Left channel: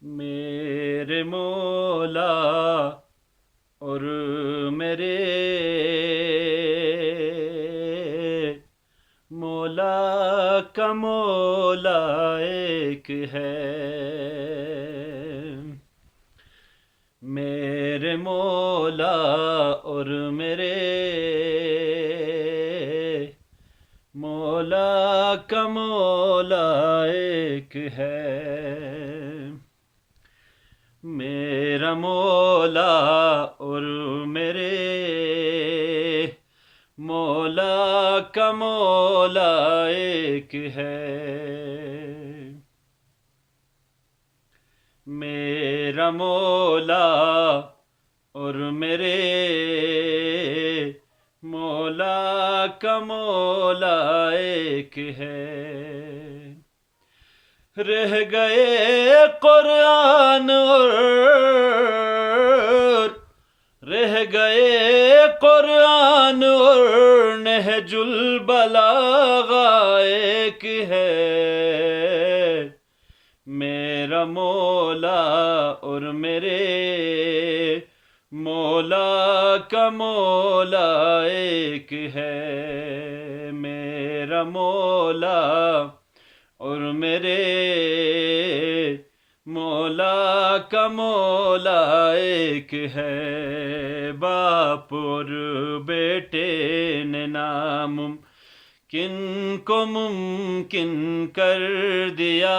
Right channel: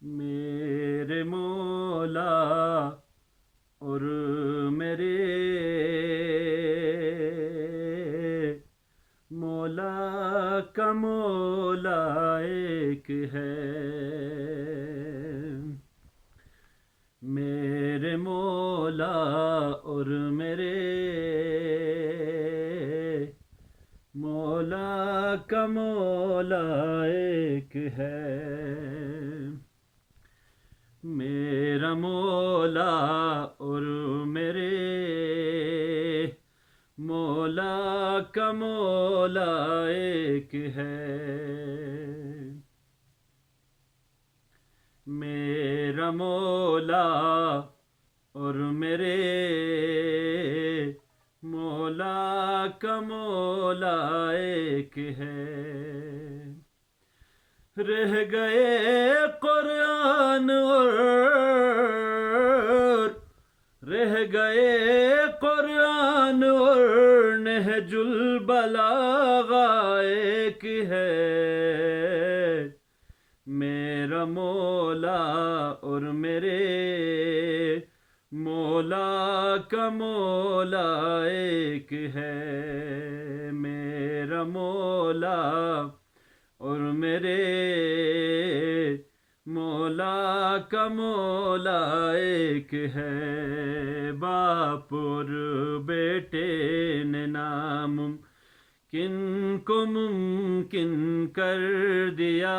میرے مولا اور میرے مولا کا مولا ایک ہے۔ میرے مولا اور میرے مولا کا مولا ایک ہے۔ میرا مولا اور میرے مولا کا مولا ایک ہے۔ میرا مولا اور میرے مولا کا مولا ایک ہے۔ رہ گئے قرآن اور رہ گئے قرآن اور نہج البلاغہ ایک ہے۔ میرا مولا اور میرے مولا کا مولا ایک ہے۔ میرا مولا اور میرے مولا کا مولا ایک ہے۔ باپ اور بیٹے نے ناممکن کو ممکن کر دیا۔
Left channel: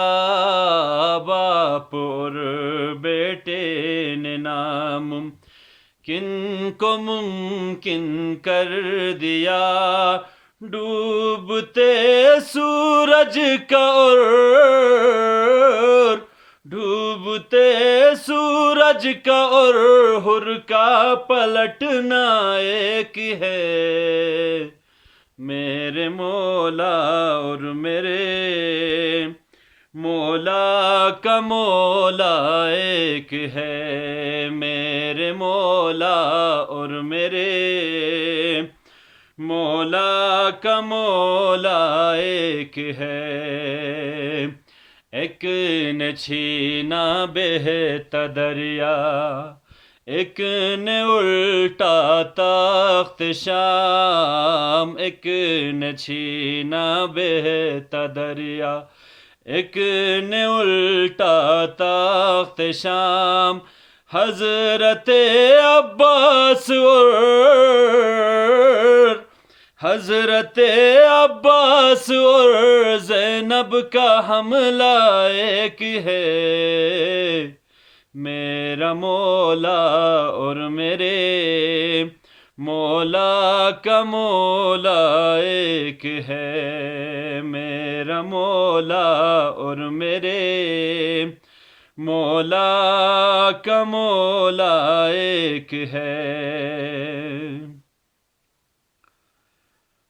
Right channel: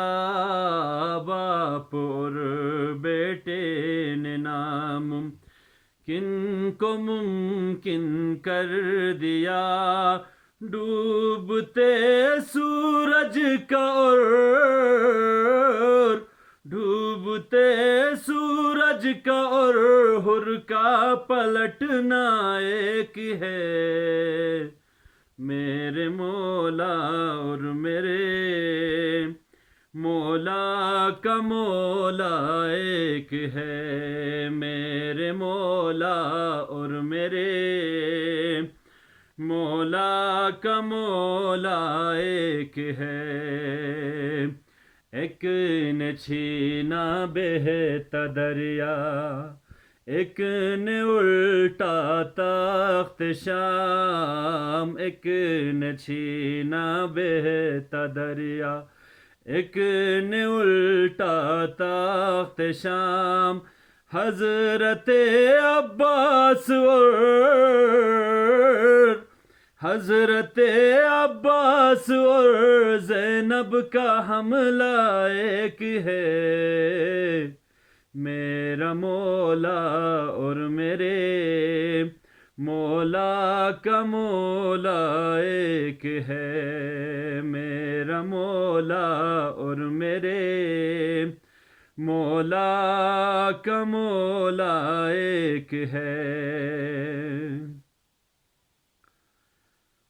باپ اور بیٹے نے ناممکن کو ممکن کر دیا۔ ڈوبتے سورج کا اور ڈوبتے سورج کا اور حر کا پلٹنا ایک ہے۔ میرے مولا اور میرے مولا کا مولا ایک ہے۔ میرے مولا اور میرے مولا کا مولا ایک ہے۔ ایک نے چھینا بہتا دریا، ایک نے الٹا تخت شام۔ ایک نے چھینا بہتا دریا، ایک نے الٹا تخت شام۔ حضرت عباس اور حضرت عباس اور زینب کا حملہ ایک ہے۔ میرا مولا اور میرے مولا کا مولا ایک ہے۔ میرا مولا اور میرے مولا کا مولا ایک ہے۔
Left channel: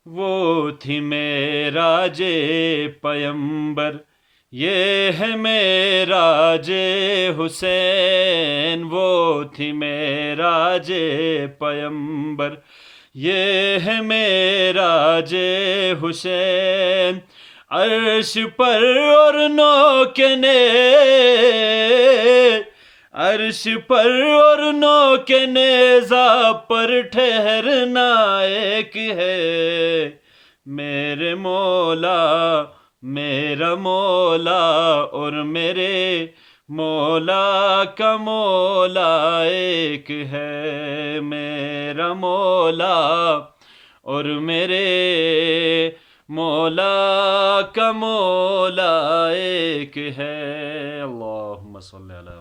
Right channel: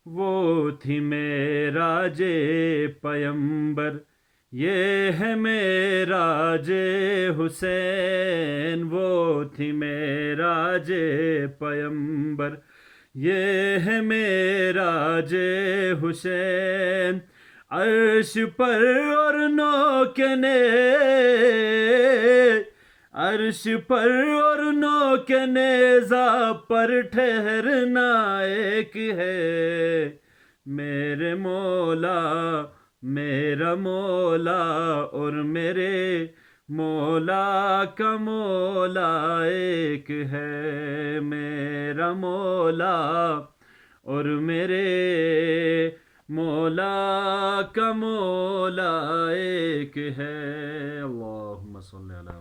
وہ تھی معراج پیمبر، یہ ہے معراج حسین۔ وہ تھی معراج پیمبر، یہ ہے معراج حسین۔ عرش پر اور نو کے عرش پر اور نو کے نیزہ پر ٹھہرنا ایک ہے۔ میرے مولا میرا مولا اور میرے مولا کا مولا ایک ہے۔ میرا مولا اور میرے مولا کا مولا ایک ہے۔ اللہم صلی علی محمد۔